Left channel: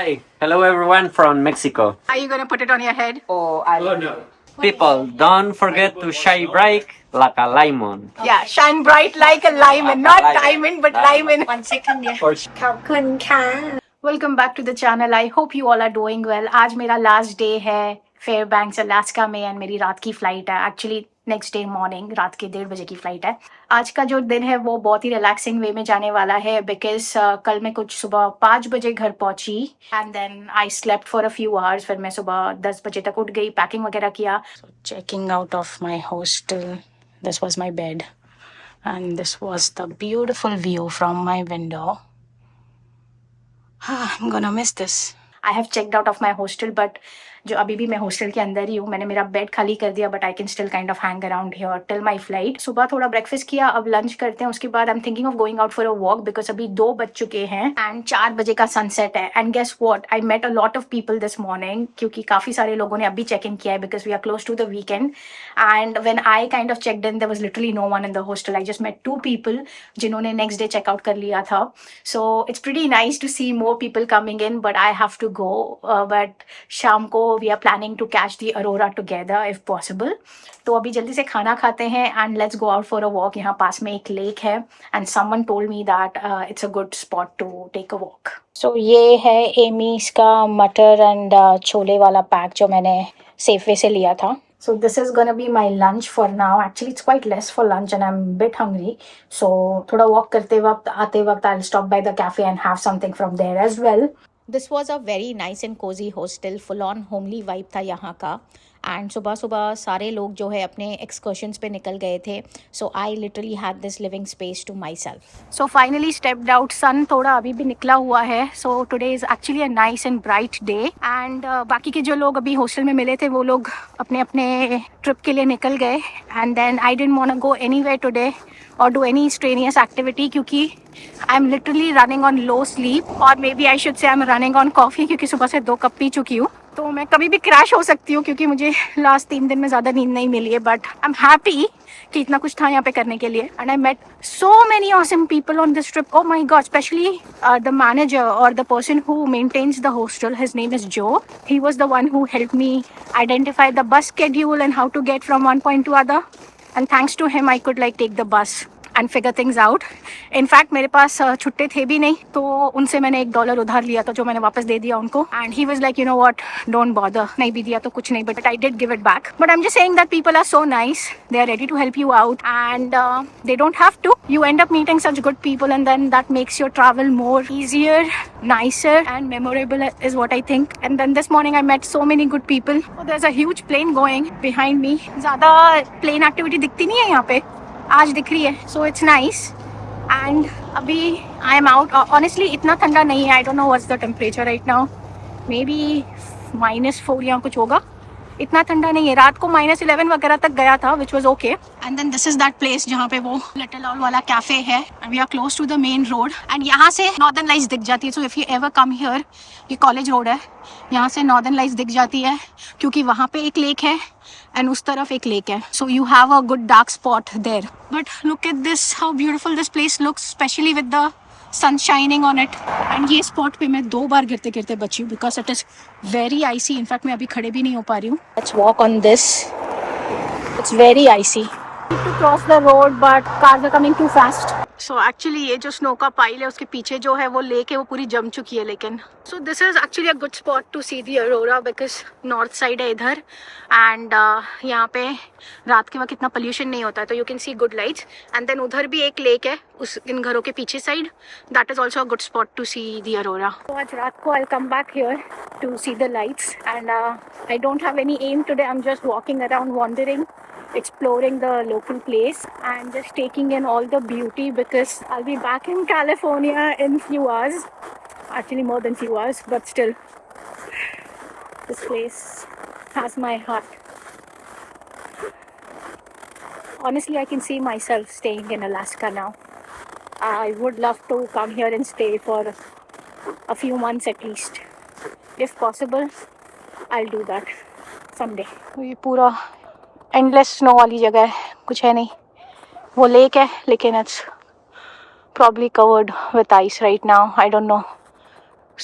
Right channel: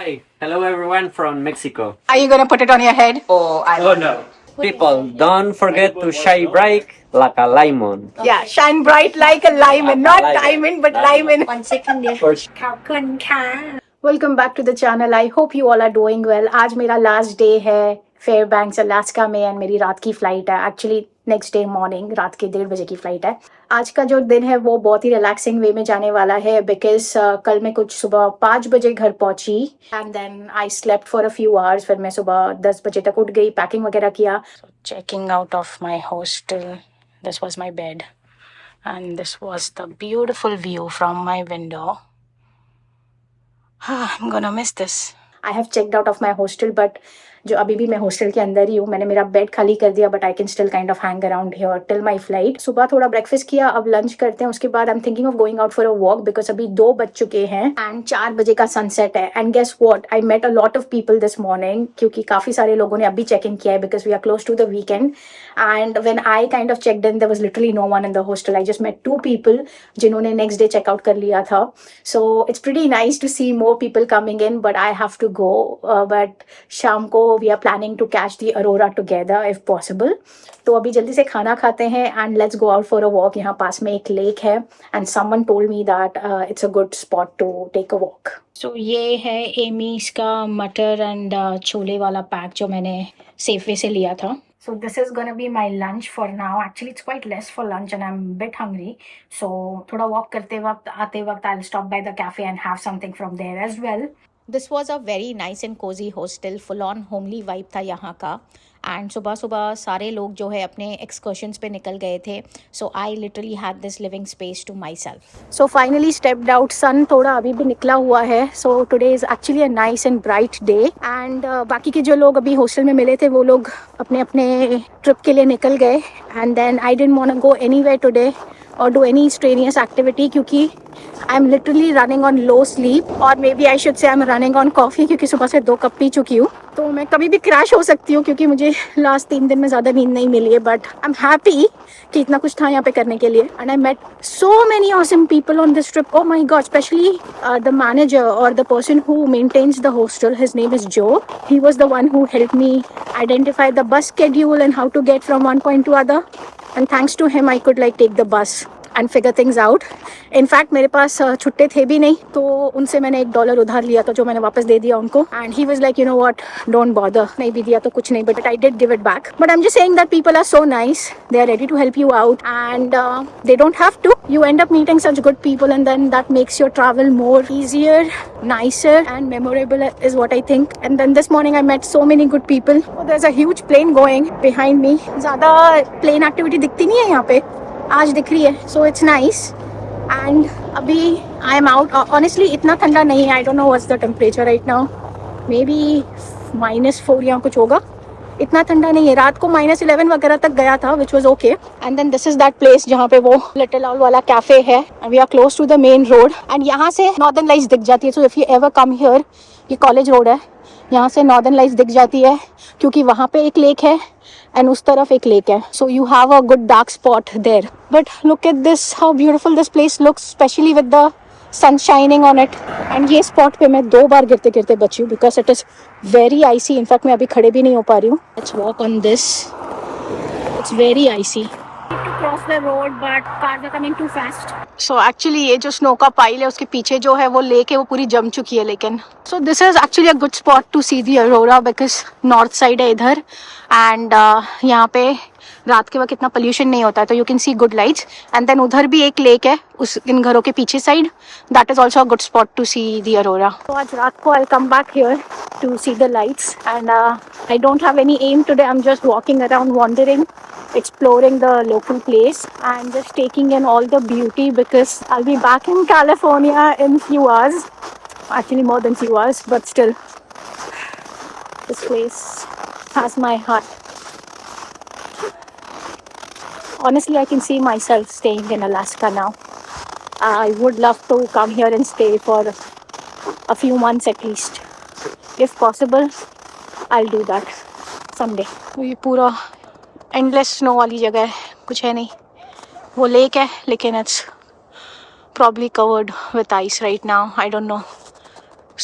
Hi, hello everyone from Mexico. Are you gonna put it on your head? Oh no. People, don't forget to shine bright like a lemon. Yeah, shine bright like a lemon, not diamond, but lemon. 1 second dear. For ขอบคุณค่ะ Welcome back to the channel. I hope you all are doing well. आज मेरा last day है Fairbanks Alaska में and मेरी रात की flight है. Actually next day morning रात के 1:30 बजे की फ्लाइट है. आज का जो दिन है वो बहुत ही रिलैक्सिंग वे में जाने वाला है बिकॉज कल मैं कुछ सुबह 5 बजे घर पहुंची and then I slept for a few hours. फिर मैं सुबह 10 बजे तक उठ गई, पैकिंग वगैरह किया. Checking out of my hostel. This was my bed and this was the beautiful view from my window. I'm gonna miss this. I have checked out of my hostel, but जो अभी भी मैं hostel के अंदर ही हूँ. मैंने मेरा bed खाली कर दिया but I can still kind of hang around here till my flight. सुबह थोड़ा ब्रेकफास्ट किया, अब लंच करते हैं. उसके बाद I am thinking of going out for a walk because अभी 2 बज चुके हैं एंड 4 बजे का सनसेट है. And guess what, I met a lot of people this morning क्योंकि काफ़ी सारे लोगों ने अभी चेक इन किया है because we are close to the weekend. And when I kind of checked in there was literally no one in the hostel. I just met 2 people जिन्होंने next day checkout कर लिया था. So it's pretty nice to see more people coming in but I have to go. But शाम को we are planning to catch the aurora together if possible. तो अभी जल्दी से खाना खाते हैं and let's go out for a walk. यहाँ पास में एक लेक है and someone told me that it's a good spot to take a walk. So ये है एमीज का मटर एंड छोले वाला पैक जो मैंने सेफवे से लिया था. So this is gonna be my lunch for now. Actually, it's quite less for lunch and I'm a bit hungry. So थोड़ा walk करते वक्त आते वक्त I'll stop by the cafe and have something from there as well. This was a very nice and cozy hostel. Full on homely vibe था यहाँ का. And सुबह सुबह सारे लोग जो है अपने एक्सकर्शंस पे निकल गए थे. So I literally had this living space to myself. So finally stepped out. Sun थोड़ा अभी भी निकला हुआ है. So today is actually a nice and bright day. And बाकी के जो लोग अभी हॉस्टल में मिले थे वो लोग अपने अपने ट्रिप के लिए निकल गए. And then I didn't want to go anywhere today और डू एनी स्ट्रेनियस एक्टिविटी क्योंकि I am literally running on low sleep और maybe I should say I am running on coffee क्योंकि सुबह से 2 कप पी चुकी हूँ. तो मैं कभी भी क्रैश हो सकती हूँ क्योंकि मुझे लास्ट 3 दिन में ज़्यादा नींद नहीं मिली है. बट आई एम हैप्पी कि इतना कुछ था यहाँ पे करने के लिए. And I met so many awesome people on this trip. Oh my god, especially the manager और the person who maintains the hostel. His name is Joe. He was the one who help me identify the bus schedule and how to get from one point to other. And thanks to him I could like take the bus and figure things out. In fact मेरे पास छुट्टे थे भी नहीं तो उनसे मैंने $1 उधार लिया था जो मैंने वापस दे दिया उनको. And he was like you know what, don't bother. नहीं भी दिया तो कुछ नहीं but I did give it back. But I am just saying that people are so nice. They are ready to help you out and they don't have to. You end up meeting such good people and then that makes your travel more easier, nicer and memorable is what I think. And then this morning I met so many good people. Oh, there's a huge plane going behind me. ज़्यादा plane activity दिखती नहीं है यहाँ पे, आज दिख रही है. So it's nice. And अभी I am out. Honestly इतना ठंडा नहीं है. I don't know what's the temperature right now. Maybe -4 या कुछ होगा. इतना ठंडा नहीं है. रात को -11 वगैरह तक गया था which was okay. And then this is that place जहाँ पे वो लिटिल आउल वाला कैफे है. And we are close to the main road. And यहाँ से नॉर्दर्न लाइट्स दिख जाती है. So if you ever come here, ये कॉलेज रोड है, यहाँ से नॉर्दर्न लाइट्स दिख जाती है क्योंकि वहाँ पे एक लेक है एंड उस तरफ एक लेक है. So you have a good dark spot there. But look at this, how beautiful this place looks, specially with the sun shining on it. And ये स्पॉट पे मैं 2 बार गिरते गिरते बची हूँ because it is very icy. In fact मैं अभी खड़े भी नहीं हो पा रही हूँ. Let's walk on this. It's very icy. To cross the road but cars are coming too fast. So actually ये जो स्नो का पाइल है उसके पीछे जो है वो लेक है वो पूरी जम चुकी है. लेकिन so this is actually a good spot to see the aurora because north side है इधर एंड यहाँ पे रात के वक्त इतना पोल्यूशन नहीं होता है तो you can see good lights. And then उधर भी एक लेक है उस इन घरों के पीछे side. That is also a good spot to see the aurora. तो आज रात को I come back here to see the lights and I don't have any aim today. I am just walking around, wandering, exploring the local place and just taking in all the beauty because I'll be back in California in few hours. Actually more than few hours, but still this place has my heart. Honestly, I can see myself staying in Alaska now. I would love to come here and stay for a few months at least. If possible, I'll do that someday. ये पूरा endless snow वाली जगह है, कुछ है नहीं. वो lake है लेकिन it's probably covered with ice right now. I don't know.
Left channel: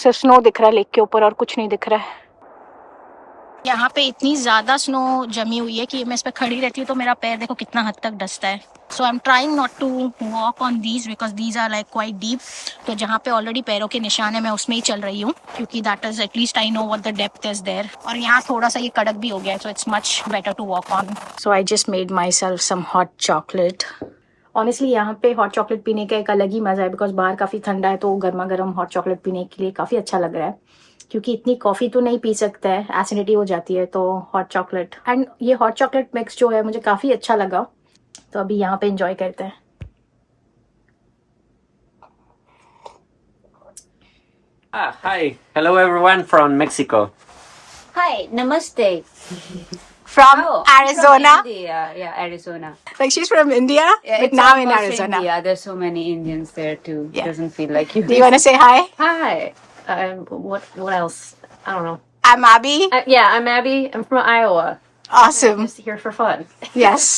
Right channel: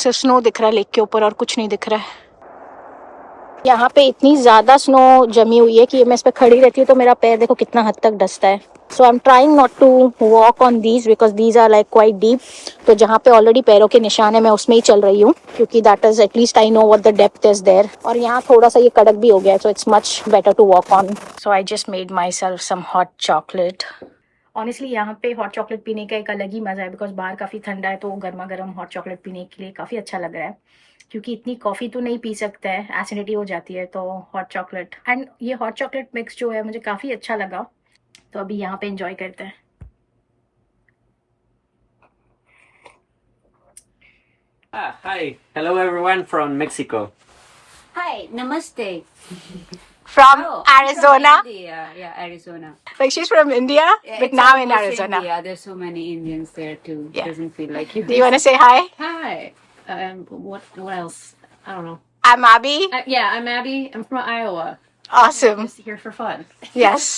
सिर्फ स्नो दिख रहा है लेक के ऊपर और कुछ नहीं दिख रहा है। यहाँ पे इतनी ज़्यादा स्नो जमी हुई है कि मैं इस पर खड़ी रहती हूँ तो मेरा पैर देखो कितना हद तक डसता है। So I am trying not to walk on these because these are like quite deep. तो जहाँ पे ऑलरेडी पैरों के निशान है मैं उसमें ही चल रही हूँ क्योंकि that is at least I know what the depth is there. और यहाँ थोड़ा सा ये कड़क भी हो गया है so it's much better to walk on. So I just made myself some hot chocolate. Honestly यहाँ पे हॉट चॉकलेट पीने का एक अलग ही मज़ा है बिकॉज बाहर काफ़ी ठंडा है तो गर्मा गर्म हॉट चॉकलेट पीने के लिए काफ़ी अच्छा लग रहा है क्योंकि इतनी कॉफ़ी तो नहीं पी सकता है, एसिडिटी हो जाती है। तो हॉट चॉकलेट एंड ये हॉट चॉकलेट मिक्स जो है मुझे काफ़ी अच्छा लगा तो अभी यहाँ पे इंजॉय करते हैं। Hi, hello everyone from Mexico. Hi, namaste. From Oh, I'm Arizona. From India. Yeah, Arizona. Like she's from India, Yeah, but it's now in almost Arizona. India. There's so many Indians there too. Yeah. Doesn't feel like you. Do you want to say hi? Hi. What else? I don't know. I'm Abby. Yeah, I'm Abby. I'm from Iowa. Awesome. Just here for fun. Yes.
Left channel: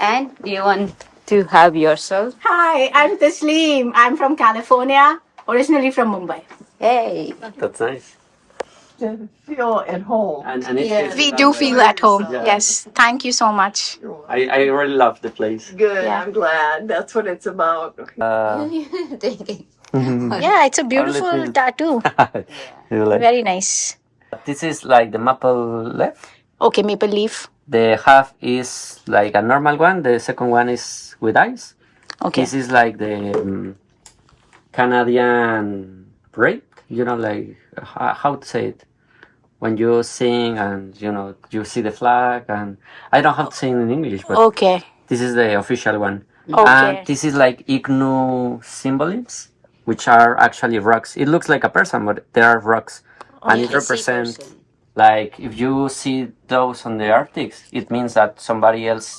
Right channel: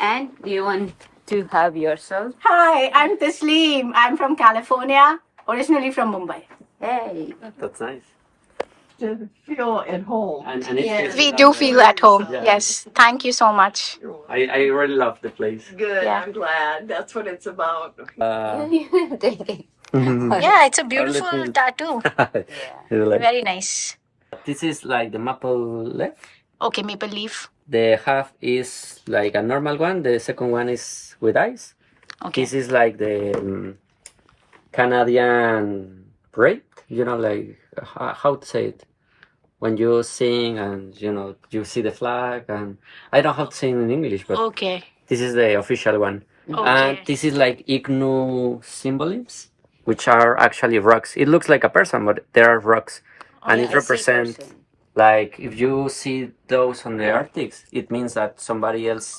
And do you want to have yourself? Hi, I'm Tasleem. I'm from California, originally from Mumbai. Hey. That's nice. Feel at home. And it Yeah. feels We like do that. feel at home. Yeah. Yes. Thank you so much. I really love the place. Good. Yeah. I'm glad. That's what it's about. Yeah, it's a beautiful little- tattoo. You like- Very nice. This is like the maple leaf. Okay, maple leaf. The half is like a normal one. The second one is with ice. Okay. This is like the Canadian parade. You know, like how to say it when you sing and you see the flag. And I don't have to sing in English, but Okay. this is the official one. Okay. And this is like igloo symbolisms, which are actually rocks. It looks like a person, but there are rocks, and it represents like if you see those on the Arctics, it means that somebody else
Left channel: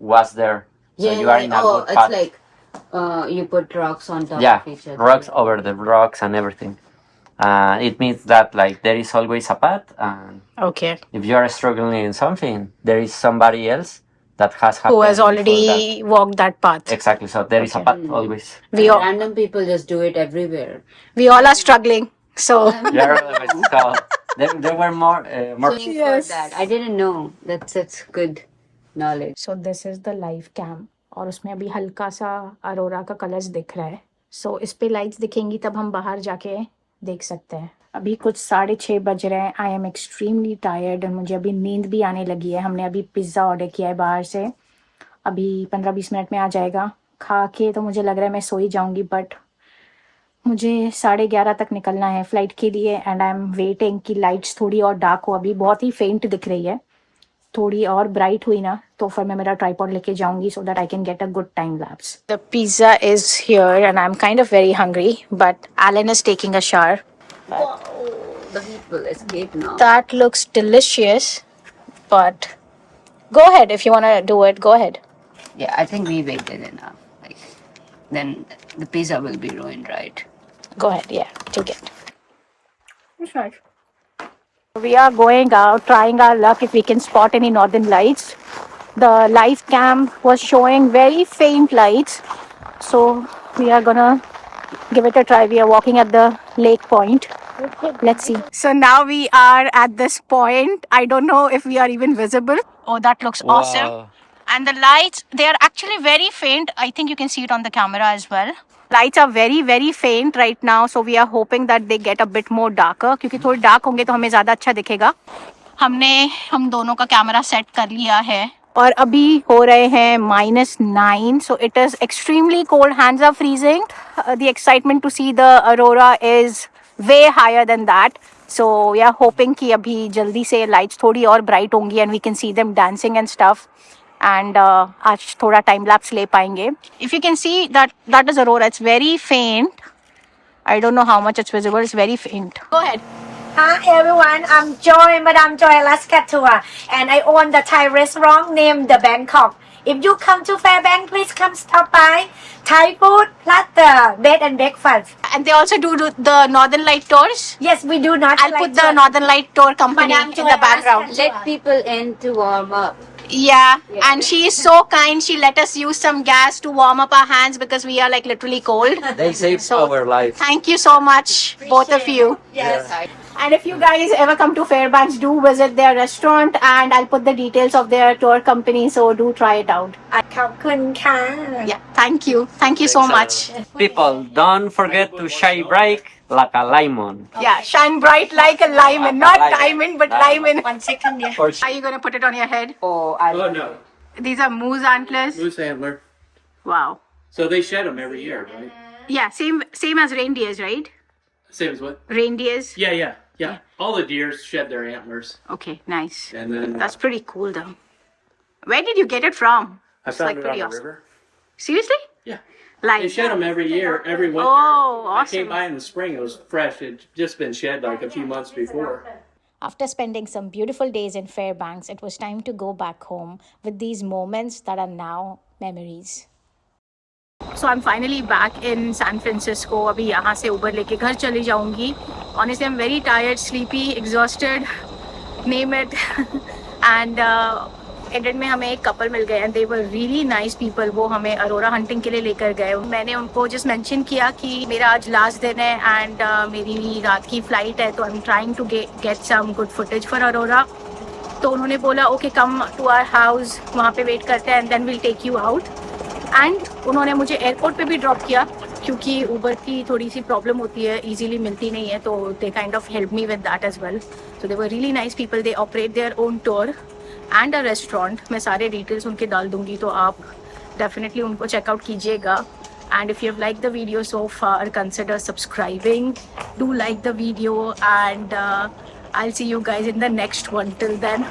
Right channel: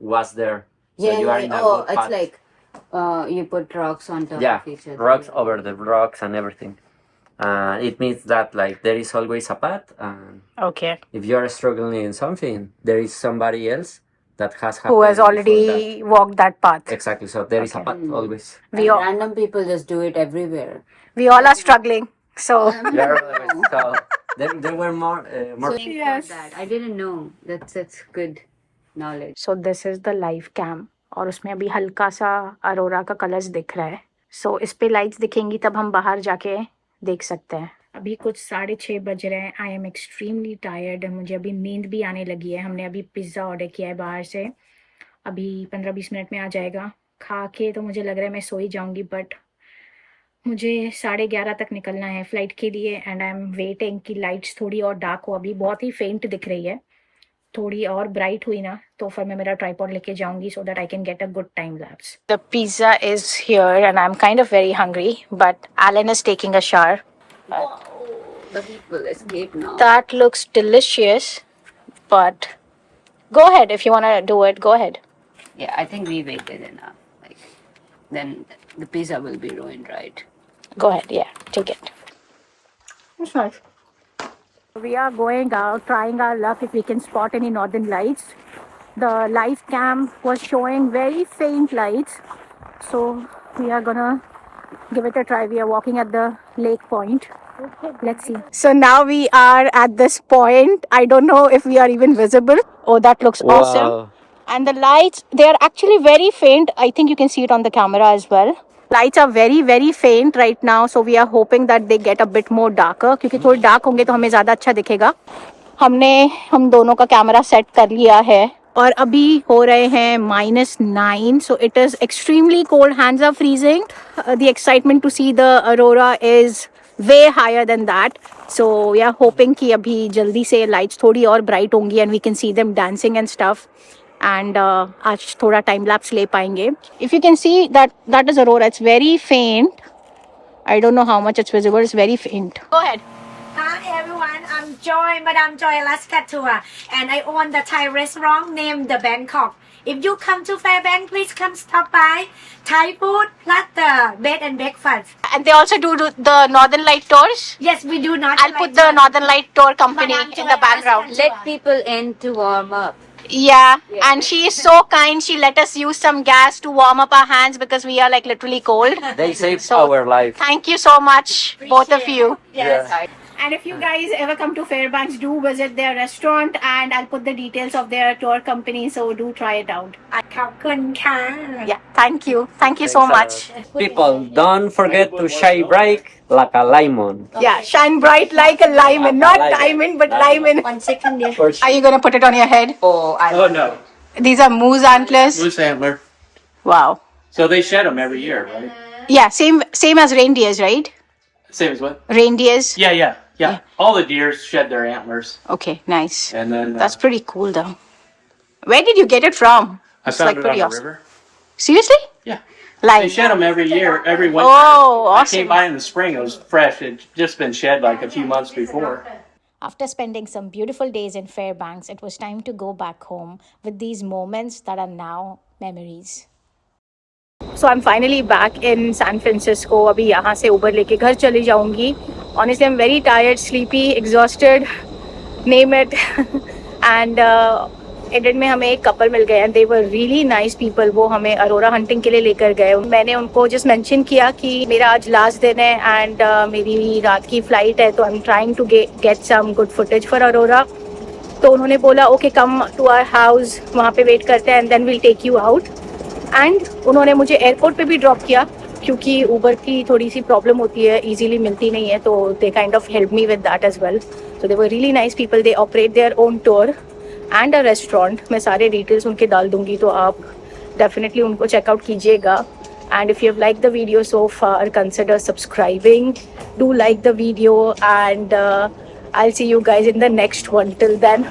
was there. So you are in a good it's path. like you put rocks on top Yeah, of each other. rocks over the rocks and everything. It means that like there is always a path, and Okay. if you are struggling in something, there is somebody else that has Who happened has before already walked that path? that. Exactly. So there is a path always. We all, Random people just do it everywhere. we all are struggling. So Yeah, so there were more. Yes. That. I didn't know. That's such good knowledge. so this is the live cam और उसमें अभी हल्का सा अरोरा का colours दिख रहा है। सो इस पे लाइट्स दिखेंगी तब हम बाहर जाके देख सकते हैं। अभी कुछ 6:30 बज रहे हैं। I am extremely tired and मुझे अभी नींद भी आने लगी है। हमने अभी पिज़्ज़ा ऑर्डर किया है बाहर से, अभी 15-20 मिनट में आ जाएगा। खा के तो मुझे लग रहा है मैं सो ही जाऊँगी, बट मुझे 11:30 तक निकलना है फ़्लाइट के लिए एंड आई एम वेटिंग कि लाइट्स थोड़ी और डार्क हो। अभी बहुत ही फेंट दिख रही है, थोड़ी और ब्राइट हुई ना तो फिर मैं मेरा ट्राइपॉड लेके जाऊंगी so that I can get a good time lapse. The pizza is here and I am kind of very hungry but Alan is taking a shower. The people escape now. That looks delicious, but go ahead if you want to do it. Go ahead. Yeah, I think we waited enough. Like, then the pizza will be ruined, right? Go ahead. Yeah, take it. It's nice. We are going out, trying our luck if we can spot any northern lights. The live cam was showing very faint lights, so we are gonna give it a try. We are walking at the lake point. Let's see. So now we are at this point. I don't know if we are even visible. Oh, that looks awesome. And the lights, they are actually very faint. I think you can see it on the camera as well. Lights are very very faint right now, so we are hoping that they get a bit more darker. क्योंकि थोड़े dark होंगे तो हमें ज़्यादा अच्छा दिखेगा। हम दोनों का कैमरा सेट कर लिया है और अभी हो रहे हैं -9, so it is extremely cold. Hands are freezing. The excitement to see the aurora is way higher than that. So we are hoping कि अभी जल्दी से lights थोड़ी और bright होंगी and we can see them dancing and stuff. And आज थोड़ा time lapse ले पाएंगे. If you can see that is aurora. It's very faint. I don't know how much it's visible. It's very faint. Go ahead. Hi everyone, I'm Joy, Madame Joy Alaska Tour, and I own the Thai restaurant named The Bangkok. If you come to Fairbanks, please come stop by. Thai food plus the bed and breakfast. And they also do the Northern Light tours. Yes, we do not. I'll put the Northern Light tour company Madame in Joy the background. Alaska Let people in to warm up. Yeah, and she is so kind. She let us use some gas to warm up our hands because we are like literally cold. They saved So, our life. Thank you so much, both of you. Yes. And if you guys ever come to Fairbanks, do visit their restaurant, and I'll put the details of their tour company. So do try it out. ขอบคุณค่ะ Yeah, thank you so much. People, don't forget to shine bright like a lemon. Yeah, shine bright like a lemon, not Like a diamond, but lemon. lemon. 1 second dear Are you gonna put it on your head? Oh, Oh no, These are moose antlers. moose antler. Wow. So they shed them every year, right? Yeah, same as reindeers, right? Same as what? Reindeers. Yeah. All the deers shed their antlers, Okay, nice. and then That's pretty cool, though. Where did you get it from? I It's found like it on pretty the awesome. river. Seriously? Yeah, Like, they shed them every year, every winter. oh, I awesome. came by in the spring; it was fresh. It just been shed like a few months before. After spending some beautiful days in Fairbanks, it was time to go back home with these moments that are now memories. So I'm finally back in San Francisco. अभी यहाँ से Uber लेके घर चली जाऊँगी. Honestly, I'm very tired, sleepy, exhausted, name it. And एडेड में हमें एक कपल मिल गए and they were really nice people. वो हमें अरोरा हंटिंग के लिए लेकर गए. मैंने उनको जस्ट मेंशन किया कि मेरा आज लास्ट दिन है एंड मेरी रात की फ़्लाइट है, तो I am trying to get some good footage for aurora. तो उन्होंने बोला okay come to our house, वहाँ पे वेट करते हैं and then will take you out. And उन्होंने मुझे एयरपोर्ट पे भी ड्रॉप किया क्योंकि ऊबर की थोड़ी सी प्रॉब्लम होती है, इजीली मिलती नहीं है. तो they kind of help me with that as well. So they were really nice people. They operate their own tour and a restaurant. मैं सारे डिटेल्स उनके डाल दूंगी, तो आप डेफिनेटली उनको चेकआउट कीजिएगा. And if you have like the video so far, consider subscribing, do like the video and I'll see you guys in the next one. Till then,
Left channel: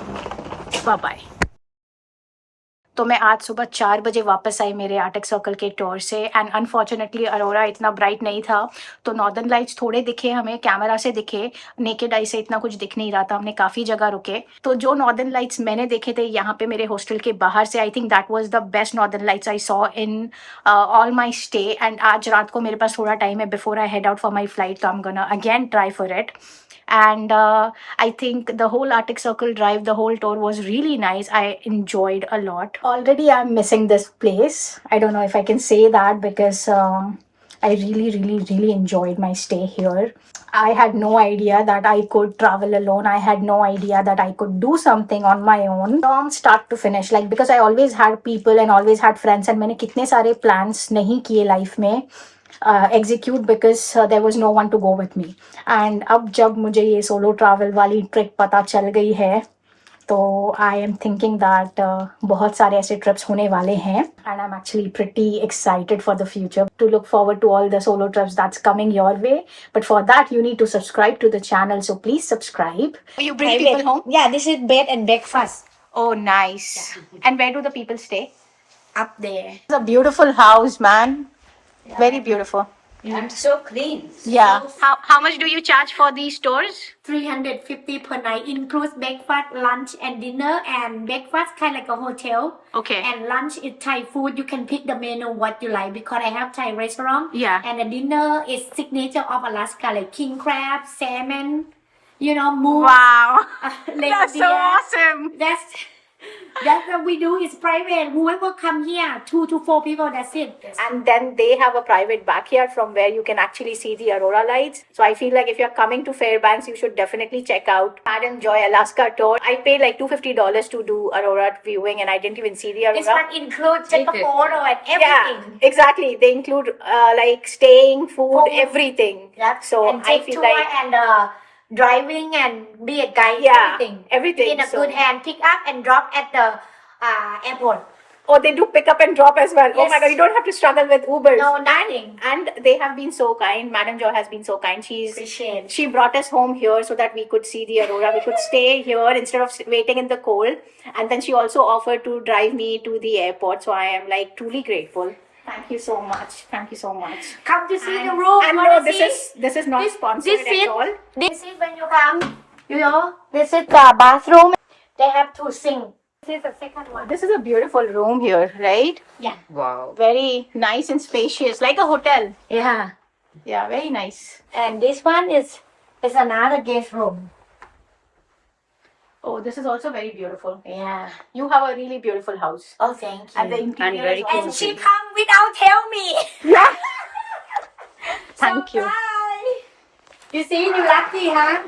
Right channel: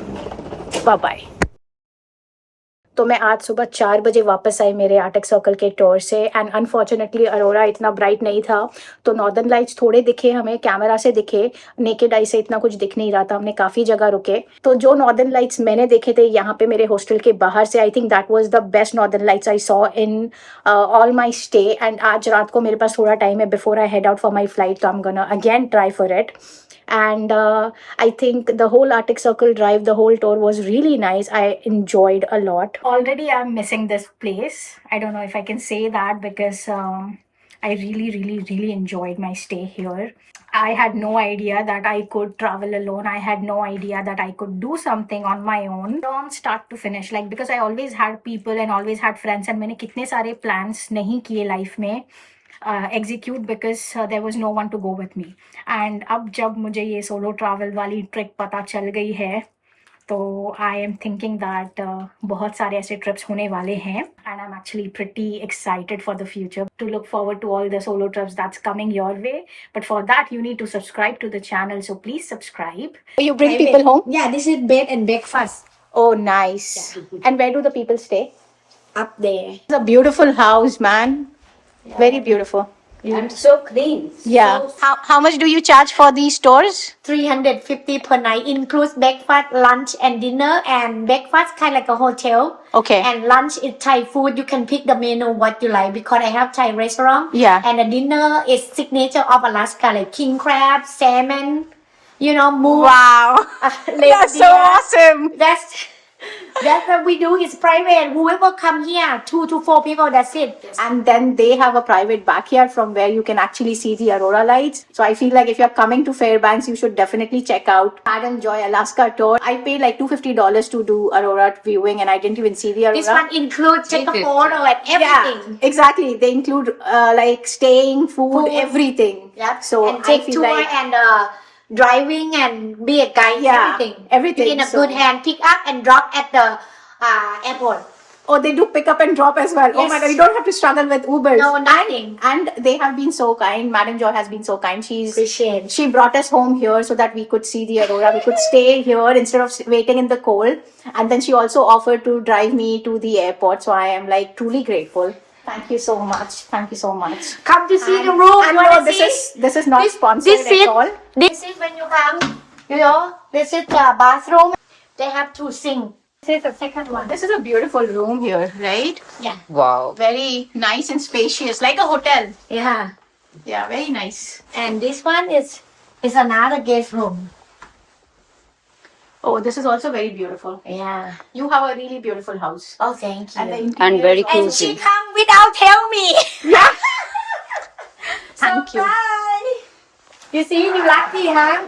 bye bye. तो मैं आज सुबह 4 बजे वापस आई मेरे आर्टिक सर्कल के tour से and unfortunately Arora इतना ब्राइट नहीं था, तो नॉर्दर्न लाइट्स थोड़े दिखे हमें, कैमरा से दिखे, नेकेड आई से इतना कुछ दिख नहीं रहा था. हमने काफ़ी जगह रुके. तो जो नॉर्दर्न लाइट्स मैंने देखे थे यहाँ पे मेरे हॉस्टल के बाहर से, I think that was the best northern lights I saw in all my stay. And आज रात को मेरे पास थोड़ा टाइम है before I head out for my flight, तो I am gonna again try for it. And I think the whole Arctic Circle drive, the whole tour was really nice. I enjoyed a lot. Already I'm missing this place. I don't know if I can say that because I really enjoyed my stay here. I had no idea that I could travel alone. I had no idea that I could do something on my own from start to finish. Like because I always had people and always had friends, and मैंने कितने सारे plans नहीं किए life में execute because there was no one to go with me. And अब जब मुझे ये solo travel वाली ट्रिक पता चल गई है, तो I am thinking that बहुत सारे ऐसे trips होने वाले हैं and I'm actually pretty excited for the future to look forward to all the solo trips that's coming your way. But for that you need to subscribe to the channel, so please subscribe. You bring people home? Yeah, this is bed and breakfast Oh, nice. And where do the people stay? up there. It's a beautiful house, man. Very beautiful. And so clean. Yeah. How much do you charge for these tours? 350 per night, includes breakfast, lunch, and dinner. And breakfast kind of like a hotel. Okay. And lunch is Thai food. You can pick the menu what you like because I have Thai restaurant. Yeah. And the dinner is signature of Alaska, like king crab, salmon, you know, moose. Wow. Lake That's so deer. awesome. That's what we do. Is private. Whoever come here, 2 to 4 people. That's it. And then they have a private backyard from where you can actually see the aurora lights. So I feel like if you're coming to Fairbanks, you should definitely check out Madam Joy Alaska tour. I paid like $250 to do aurora viewing, and I didn't even see the aurora. This one includes take a photo and everything. Yeah, exactly. They include like staying, food, everything. Yeah. So and I take feel tour like and driving and be a guide. Yeah, everything. Be in a So- good hand. Pick up and drop at the airport. oh, they do pick up and drop as well. Oh my Yes. God, you don't have to struggle with Ubers. No, nothing. And they have been so kind. Madam Joy has been so kind. Appreciate. She brought us home here so that we could see the aurora. We could stay here instead of waiting in the cold. And then she also offered to drive me to the airport. So I am like truly grateful. Thank you so much. Thank you so much. Come to see the room. And You no, wanna see? this is not sponsored this at all. This is when you come. You know, this is the bathroom. They have 2 sinks. This is the second one. This is a beautiful room here, right? Yeah. Wow. Very nice and spacious, like a hotel. Yeah. Yeah, very nice. And this one is another guest room. Oh, this is also very beautiful. Yeah. You have a really beautiful house. Oh, thank you. And the And interior very is also- And she cozy. come without tell me. Yeah. Thank you. Surprise. You see, you lucky, huh?